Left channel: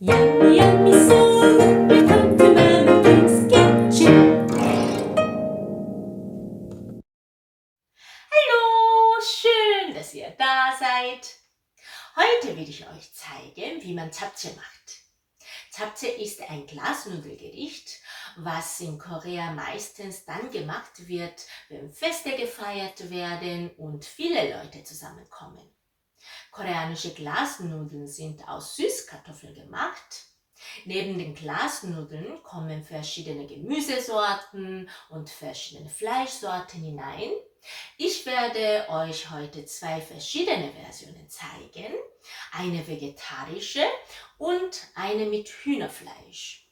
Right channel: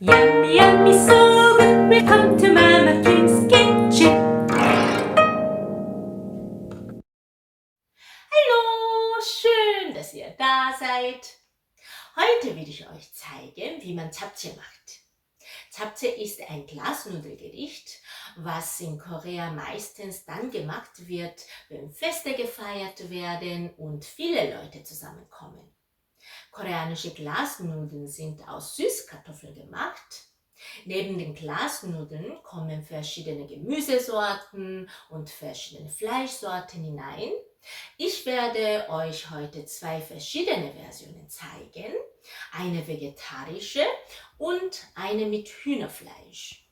Yummy, yummy, so good. Welcome to Mama King's Kitchen. Hallo, schön, dass ihr da seid. Heute will ich euch zeigen, wie man Japchae macht. Japchae ist ein Glasnudelgericht, was in Korea meistens dann gemacht wird, wenn Feste gefeiert werden und viele Leute zusammenkommen. Koreanische Glasnudeln sind aus Süßkartoffeln gemacht. Neben den Glasnudeln kommen verschiedene Gemüsesorten und verschiedene Fleischsorten hinein. Ich werde euch heute zwei verschiedene Versionen zeigen. Eine vegetarische und eine mit Hühnerfleisch.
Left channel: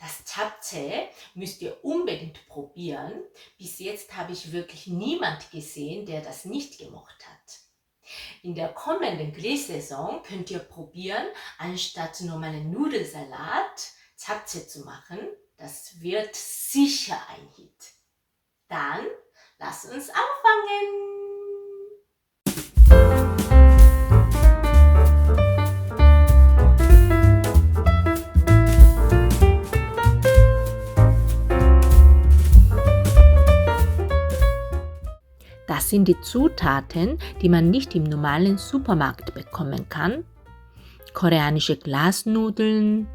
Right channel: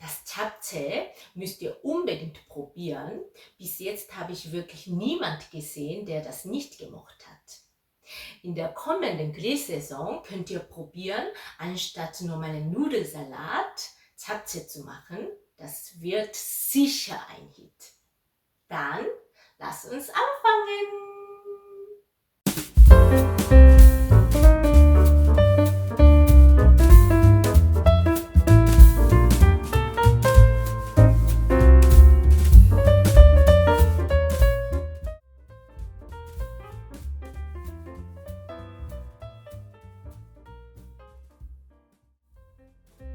Das Japchae müsst ihr unbedingt probieren. Bis jetzt habe ich wirklich niemand gesehen, der das nicht gemocht hat. In der kommenden Grillsaison könnt ihr probieren, anstatt normalen Nudelsalat Japchae zu machen. Das wird sicher ein Hit. Dann lasst uns anfangen. Das sind die Zutaten, die man nicht im normalen Supermarkt bekommen kann. Koreanische Glasnudeln,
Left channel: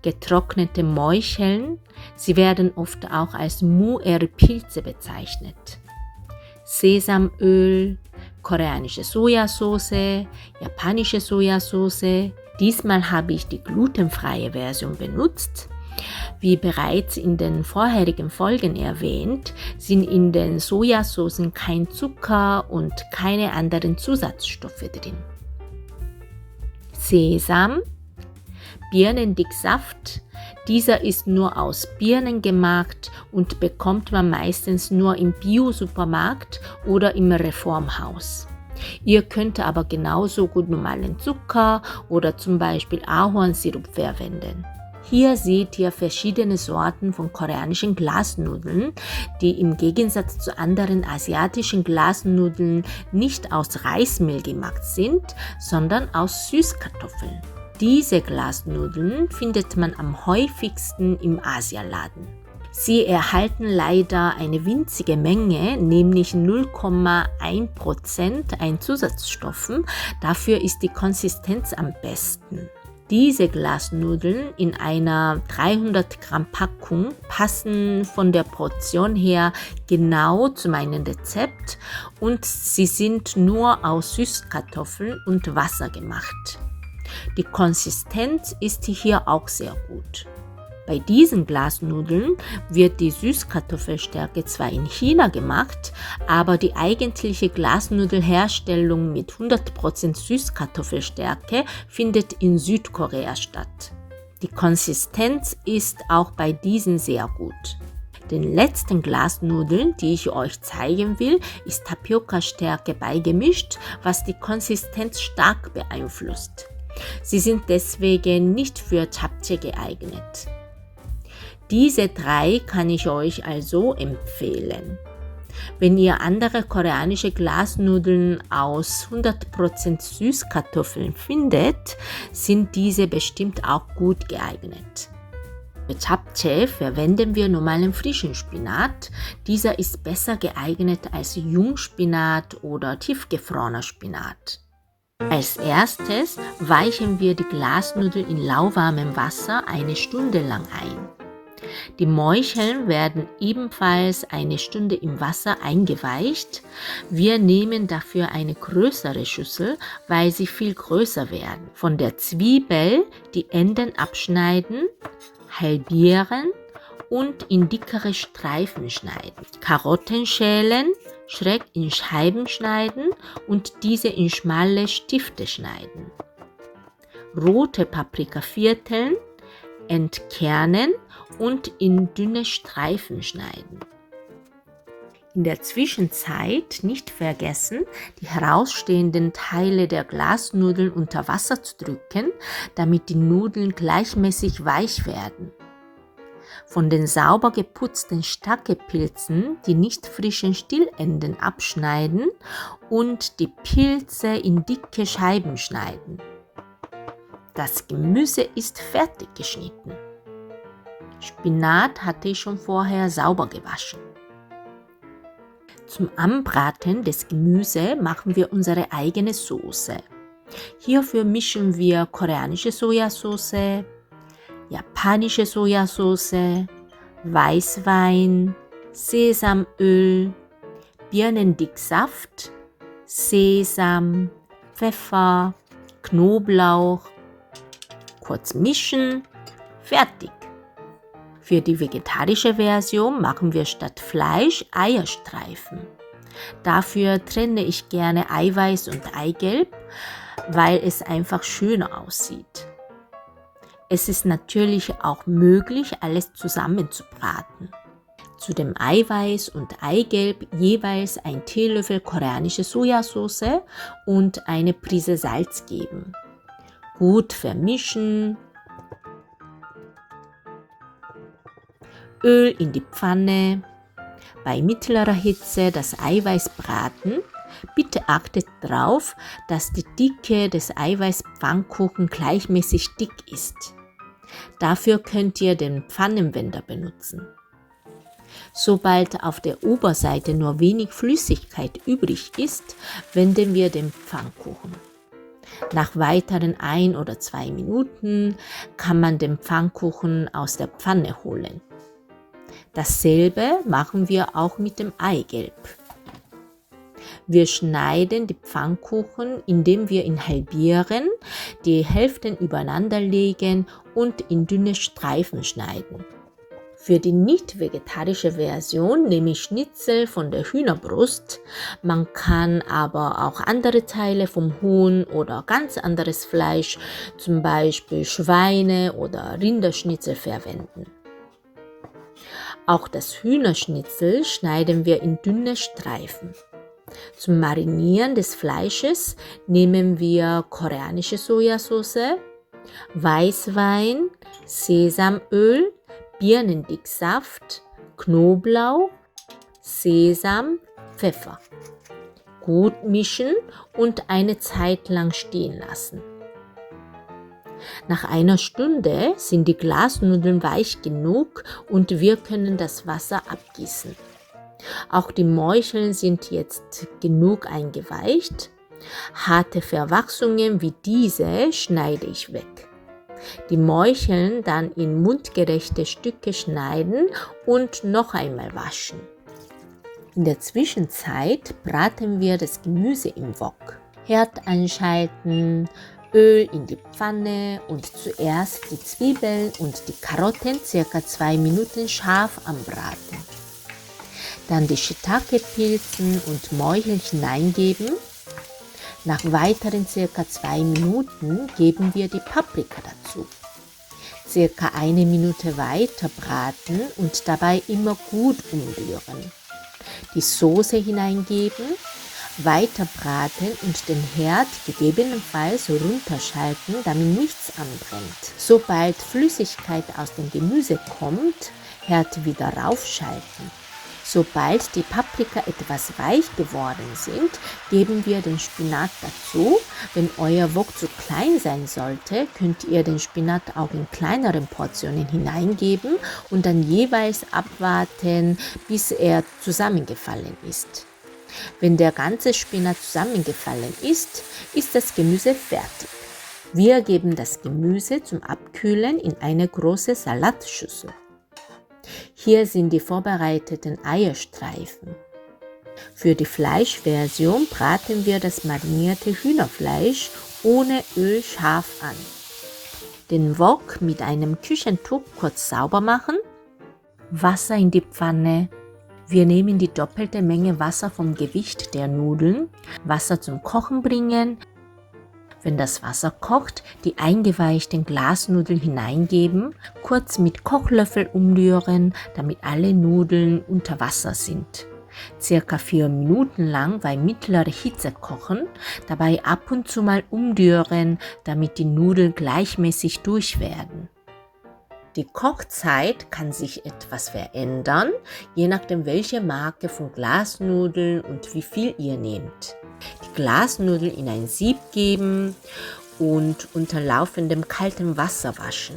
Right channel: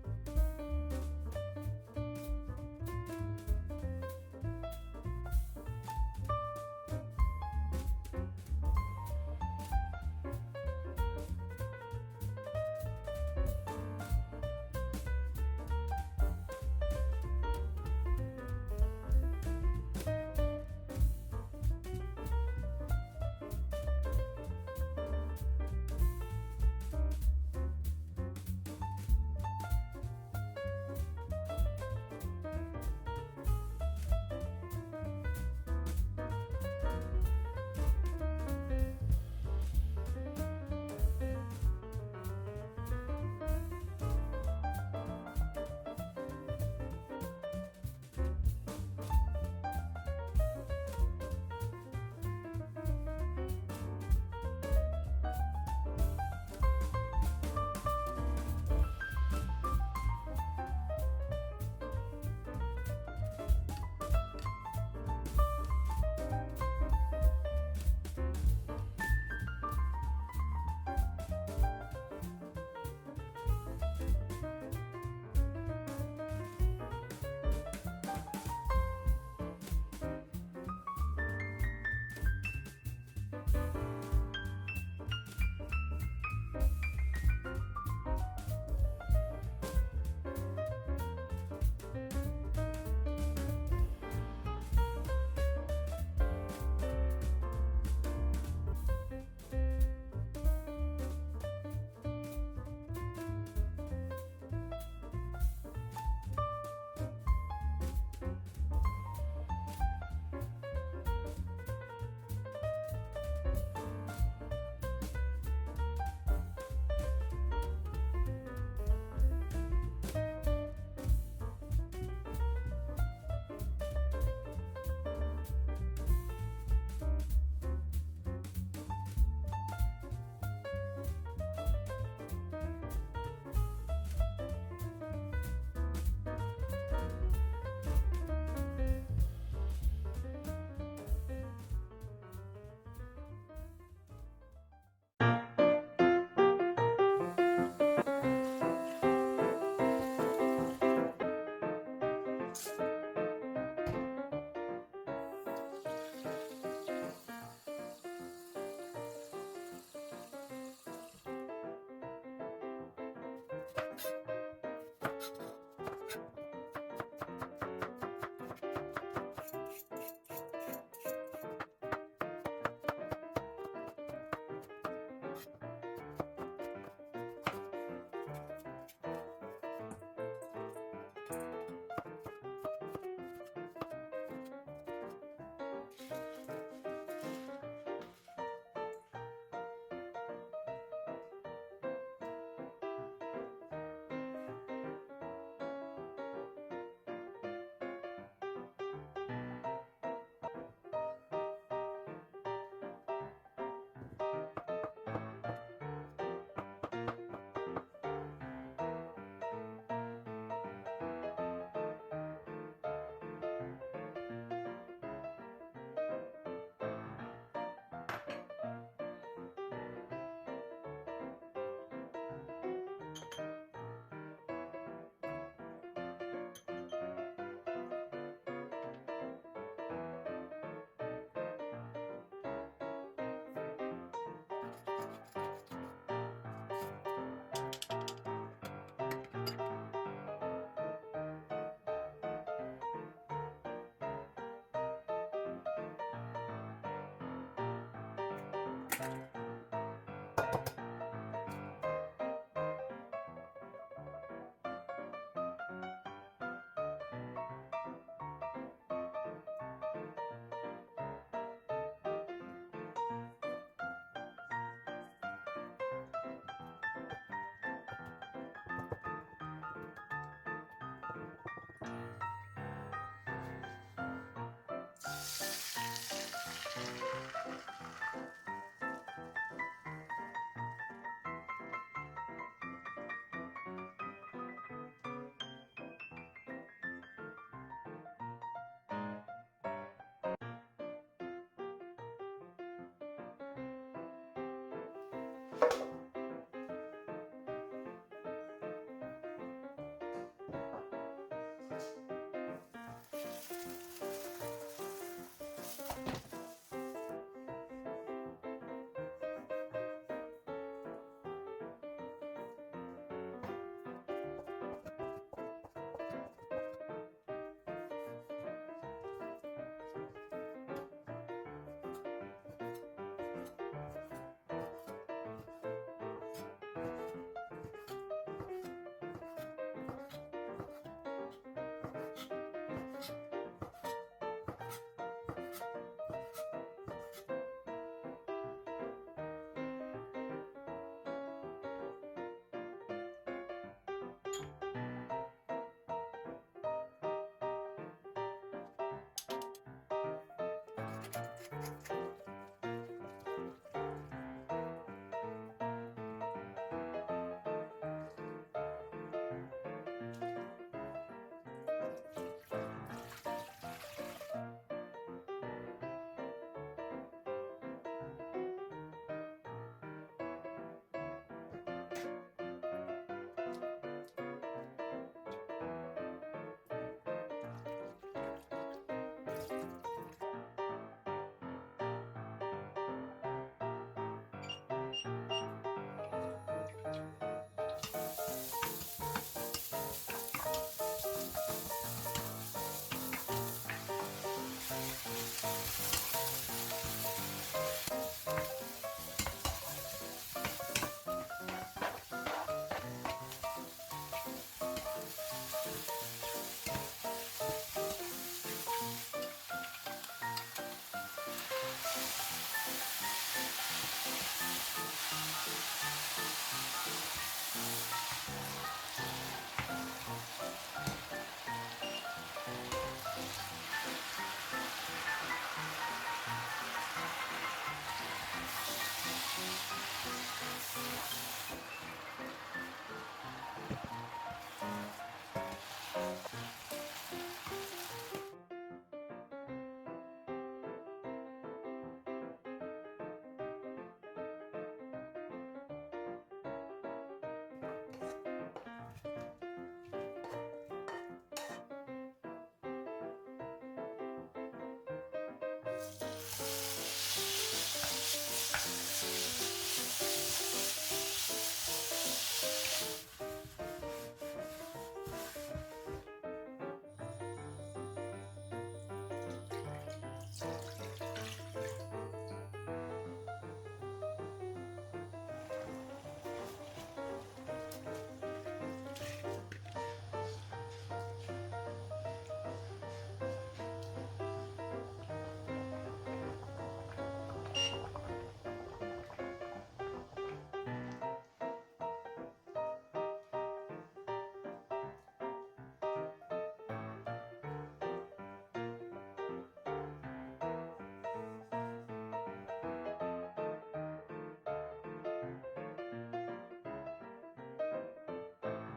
getrocknete Morcheln, sie werden oft auch als Muer-Pilze bezeichnet. Sesamöl, koreanische Sojasauce, japanische Sojasauce. Diesmal habe ich die glutenfreie Version benutzt. Wie bereits in den vorherigen Folgen erwähnt, sind in den Sojasoßen kein Zucker und keine anderen Zusatzstoffe drin. Sesam, Birnendicksaft. Dieser ist nur aus Birnen gemacht und bekommt man meistens nur im Bio-Supermarkt oder im Reformhaus. Ihr könnt aber genauso gut normalen Zucker oder zum Beispiel Ahornsirup verwenden. Hier seht ihr verschiedene Sorten von koreanischen Glasnudeln, die im Gegensatz zu anderen asiatischen Glasnudeln nicht aus Reismehl gemacht sind, sondern aus Süßkartoffeln. Diese Glasnudeln findet man am häufigsten im Asialaden. Sie erhalten leider eine winzige Menge, nämlich 0,1% an Zusatzstoffen. Dafür ist die Konsistenz am besten. Diese Glasnudeln in einer 300 Gramm Packung passen von der Portion her genau zu meinem Rezept und sie sind nur aus Süßkartoffeln und Wasser gemacht. Die Konsistenz ist hier auch sehr gut. Bei diesen Glasnudeln wird die Süßkartoffelstärke zwar in China gemacht, aber die eigentliche Glasnudelherstellung mit 100% Süßkartoffelstärke findet in Südkorea statt. Die Konsistenz ist auch bei diesen sehr gut. Den letzten Glasnudeln, die ich euch zeigen will, ist Tapioca-Stärke beigemischt, was die Konsistenz stark beeinflusst. Sie sind deswegen nicht für Japchae geeignet. Diese drei kann ich euch also empfehlen. Wenn ihr andere koreanische Glasnudeln aus 100% Süßkartoffeln findet, sind diese bestimmt auch gut geeignet. Für Japchae verwenden wir normalen frischen Spinat. Dieser ist besser geeignet als Jungspinat oder tiefgefrorener Spinat. Als erstes weichen wir die Glasnudeln in lauwarmem Wasser eine Stunde lang ein. Die Morcheln werden ebenfalls eine Stunde im Wasser eingeweicht. Wir nehmen dafür eine größere Schüssel, weil sie viel größer werden. Von der Zwiebel die Enden abschneiden, halbieren und in dickere Streifen schneiden. Karotten schälen, schräg in Scheiben schneiden und diese in schmale Stifte schneiden. Rote Paprika vierteln, entkernen und in dünne Streifen schneiden. In der Zwischenzeit nicht vergessen, die herausstehenden Teile der Glasnudeln unter Wasser zu drücken, damit die Nudeln gleichmäßig weich werden. Von den sauber geputzten Stacke-Pilzen die nicht frischen Stielenden abschneiden und die Pilze in dicke Scheiben schneiden. Das Gemüse ist fertig geschnitten. Spinat hatte ich schon vorher sauber gewaschen. Zum Anbraten des Gemüses machen wir unsere eigene Soße. Hierfür mischen wir koreanische Sojasauce, japanische Sojasauce, Weißwein, Sesamöl, Birnendicksaft, Sesam, Pfeffer, Knoblauch. Kurz mischen, fertig. Für die vegetarische Version machen wir statt Fleisch Eierstreifen. Dafür trenne ich gerne Eiweiß und Eigelb, weil es einfach schöner aussieht. Es ist natürlich auch möglich, alles zusammen zu braten. Zu dem Eiweiß und Eigelb jeweils ein Teelöffel koreanische Sojasauce und eine Prise Salz geben. Gut vermischen. Öl in die Pfanne. Bei mittlerer Hitze das Eiweiß braten. Bitte achtet darauf, dass die Dicke des Eiweißpfannkuchen gleichmäßig dick ist. Dafür könnt ihr den Pfannenwender benutzen. Sobald auf der Oberseite nur wenig Flüssigkeit übrig ist, wenden wir den Pfannkuchen. Nach weiteren 1 oder 2 Minuten kann man den Pfannkuchen aus der Pfanne holen. Dasselbe machen wir auch mit dem Eigelb. Wir schneiden die Pfannkuchen, indem wir ihn halbieren, die Hälften übereinander legen und in dünne Streifen schneiden. Für die nicht vegetarische Version nehme ich Schnitzel von der Hühnerbrust. Man kann aber auch andere Teile vom Huhn oder ganz anderes Fleisch, zum Beispiel Schweine- oder Rinderschnitzel verwenden. Auch das Hühnerschnitzel schneiden wir in dünne Streifen. Zum Marinieren des Fleisches nehmen wir koreanische Sojasauce, Weißwein, Sesamöl, Birnendicksaft, Knoblauch, Sesam, Pfeffer. Gut mischen und eine Zeit lang stehen lassen. Nach einer Stunde sind die Glasnudeln weich genug und wir können das Wasser abgießen. Auch die Morcheln sind jetzt genug eingeweicht. Harte Verwachsungen wie diese schneide ich weg. Die Morcheln dann in mundgerechte Stücke schneiden und noch einmal waschen. In der Zwischenzeit braten wir das Gemüse im Wok. Herd einschalten, Öl in die Pfanne und zuerst die Zwiebeln und die Karotten ca. 2 Minuten scharf anbraten. Dann die Shiitake-Pilzen und Morcheln hineingeben. Nach weiteren ca. 2 Minuten geben wir die Paprika dazu. Ca. 1 Minute weiter braten und dabei immer gut umrühren. Die Soße hineingeben, weiter braten und den Herd gegebenenfalls runterschalten, damit nichts anbrennt. Sobald Flüssigkeit aus dem Gemüse kommt, Herd wieder raufschalten. Sobald die Paprika etwas weich geworden sind, geben wir den Spinat dazu. Wenn euer Wok zu klein sein sollte, könnt ihr den Spinat auch in kleineren Portionen hineingeben und dann jeweils abwarten, bis er zusammengefallen ist. Wenn der ganze Spinat zusammengefallen ist, ist das Gemüse fertig. Wir geben das Gemüse zum Abkühlen in eine große Salatschüssel. Hier sind die vorbereiteten Eierstreifen. Für die Fleischversion braten wir das marinierte Hühnerfleisch ohne Öl scharf an. Den Wok mit einem Küchentuch kurz sauber machen. Wasser in die Pfanne. Wir nehmen die doppelte Menge Wasser vom Gewicht der Nudeln. Wasser zum Kochen bringen. Wenn das Wasser kocht, die eingeweichten Glasnudeln hineingeben, kurz mit Kochlöffel umrühren, damit alle Nudeln unter Wasser sind. Circa 4 Minuten lang bei mittlerer Hitze kochen, dabei ab und zu mal umrühren, damit die Nudeln gleichmäßig durch werden. Die Kochzeit kann sich etwas verändern, je nachdem welche Marke von Glasnudeln und wie viel ihr nehmt. Die Glasnudeln in ein Sieb geben und unter laufendem kaltem Wasser waschen.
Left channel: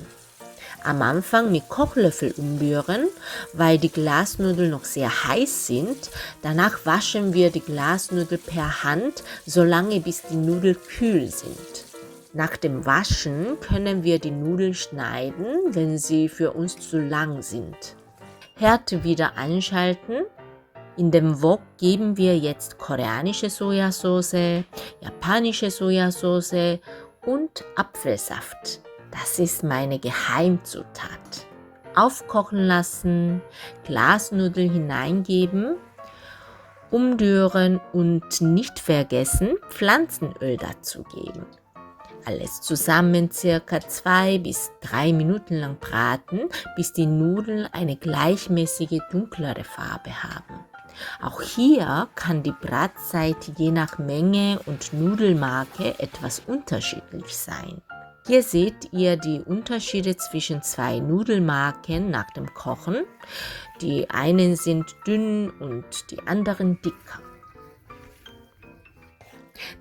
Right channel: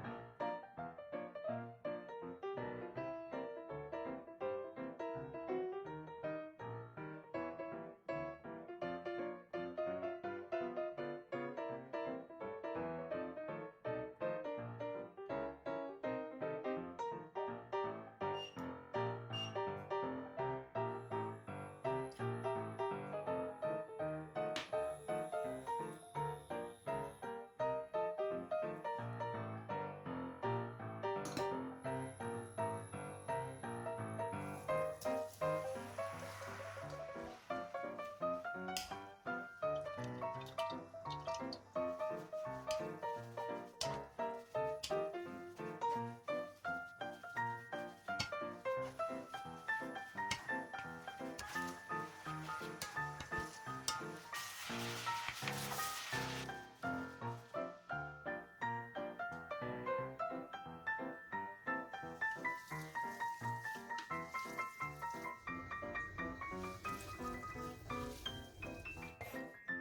Am Anfang mit Kochlöffel umrühren, weil die Glasnudeln noch sehr heiß sind. Danach waschen wir die Glasnudeln per Hand, solange bis die Nudeln kühl sind. Nach dem Waschen können wir die Nudeln schneiden, wenn sie für uns zu lang sind. Herd wieder einschalten. In dem Wok geben wir jetzt koreanische Sojasauce, japanische Sojasauce und Apfelsaft. Das ist meine Geheimzutat. Aufkochen lassen, Glasnudeln hineingeben, umrühren und nicht vergessen, Pflanzenöl dazugeben. Alles zusammen circa 2 bis 3 Minuten lang braten, bis die Nudeln eine gleichmäßige dunklere Farbe haben. Auch hier kann die Bratzeit je nach Menge und Nudelmarke etwas unterschiedlich sein. Hier seht ihr die Unterschiede zwischen 2 Nudelmarken nach dem Kochen. Die einen sind dünn und die anderen dicker.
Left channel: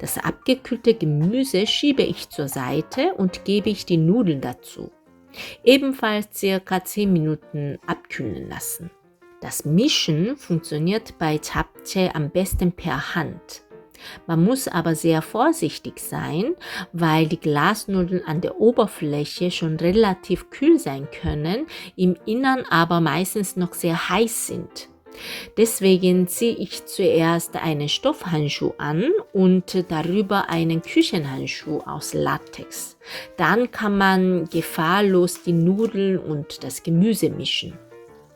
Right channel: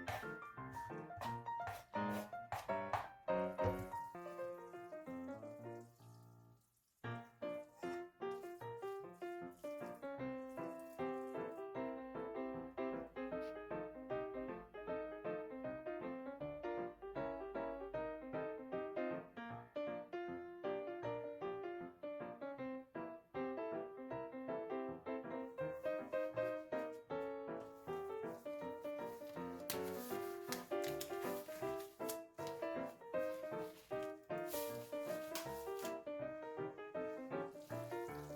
Das abgekühlte Gemüse schiebe ich zur Seite und gebe ich die Nudeln dazu. Ebenfalls ca. 10 Minuten abkühlen lassen. Das Mischen funktioniert bei Japchae am besten per Hand. Man muss aber sehr vorsichtig sein, weil die Glasnudeln an der Oberfläche schon relativ kühl sein können, im Innern aber meistens noch sehr heiß sind. Deswegen ziehe ich zuerst einen Stoffhandschuh an und darüber einen Küchenhandschuh aus Latex. Dann kann man gefahrlos die Nudeln und das Gemüse mischen.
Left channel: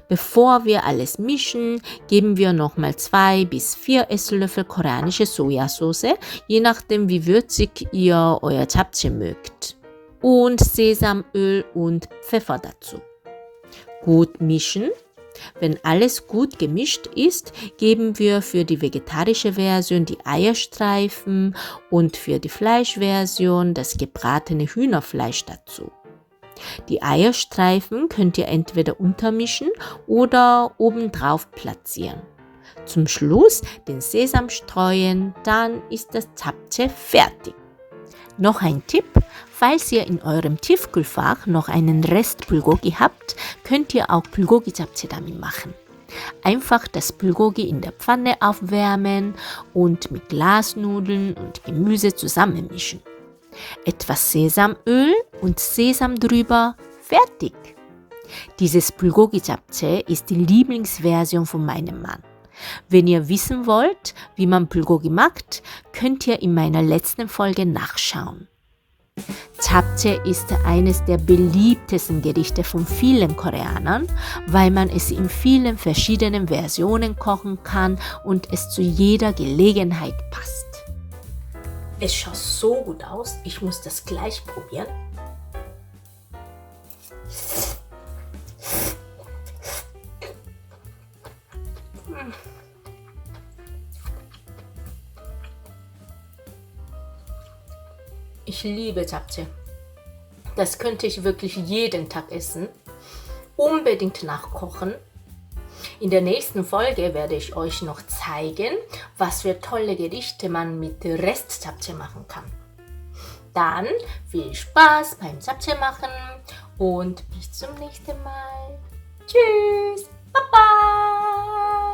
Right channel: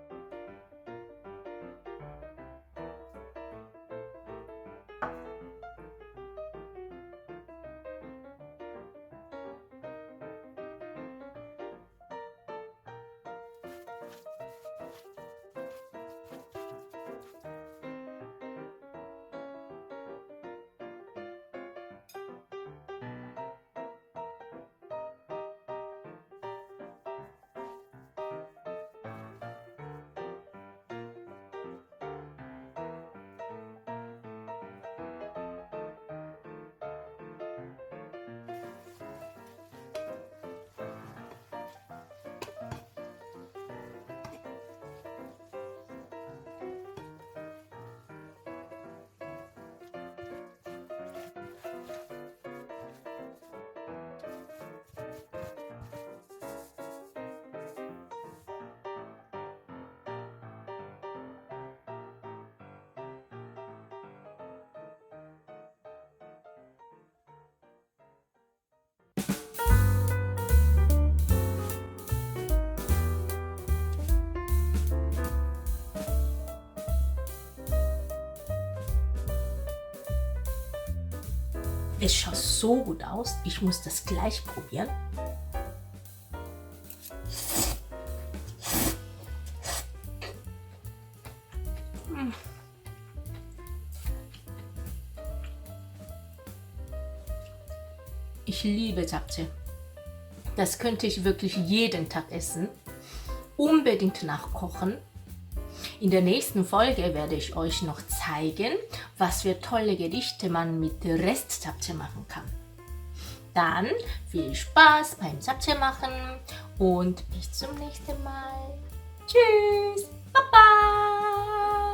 Bevor wir alles mischen, geben wir nochmal 2 bis 4 Esslöffel koreanische Sojasauce, je nachdem wie würzig ihr euer Japchae mögt. Und Sesamöl und Pfeffer dazu. Gut mischen. Wenn alles gut gemischt ist, geben wir für die vegetarische Version die Eierstreifen und für die Fleischversion das gebratene Hühnerfleisch dazu. Die Eierstreifen könnt ihr entweder untermischen oder obendrauf platzieren. Zum Schluss den Sesam streuen, dann ist das Japchae fertig. Noch ein Tipp, falls ihr in eurem Tiefkühlfach noch einen Rest Bulgogi habt, könnt ihr auch Bulgogi Japchae damit machen. Einfach das Bulgogi in der Pfanne aufwärmen und mit Glasnudeln und Gemüse zusammenmischen. Etwas Sesamöl und Sesam drüber, fertig! Dieses Bulgogi Japchae ist die Lieblingsversion von meinem Mann. Wenn ihr wissen wollt, wie man Bulgogi macht, könnt ihr in meiner letzten Folge nachschauen. Japchae ist eines der beliebtesten Gerichte von vielen Koreanern, weil man es in vielen verschiedenen Versionen kochen kann und es zu jeder Gelegenheit passt. Es schaut so gut aus, ich muss das gleich probieren. Ich liebe Japchae. Das könnte ich wirklich jeden Tag essen. Unbedingt nachkochen. In der nächsten Folge werde ich euch noch zeigen, was für tolle Gerichte man mit Rest-Japchae machen kann. Dann viel Spaß beim Japchae machen und bis zum nächsten Mal. Tschüss, Baba!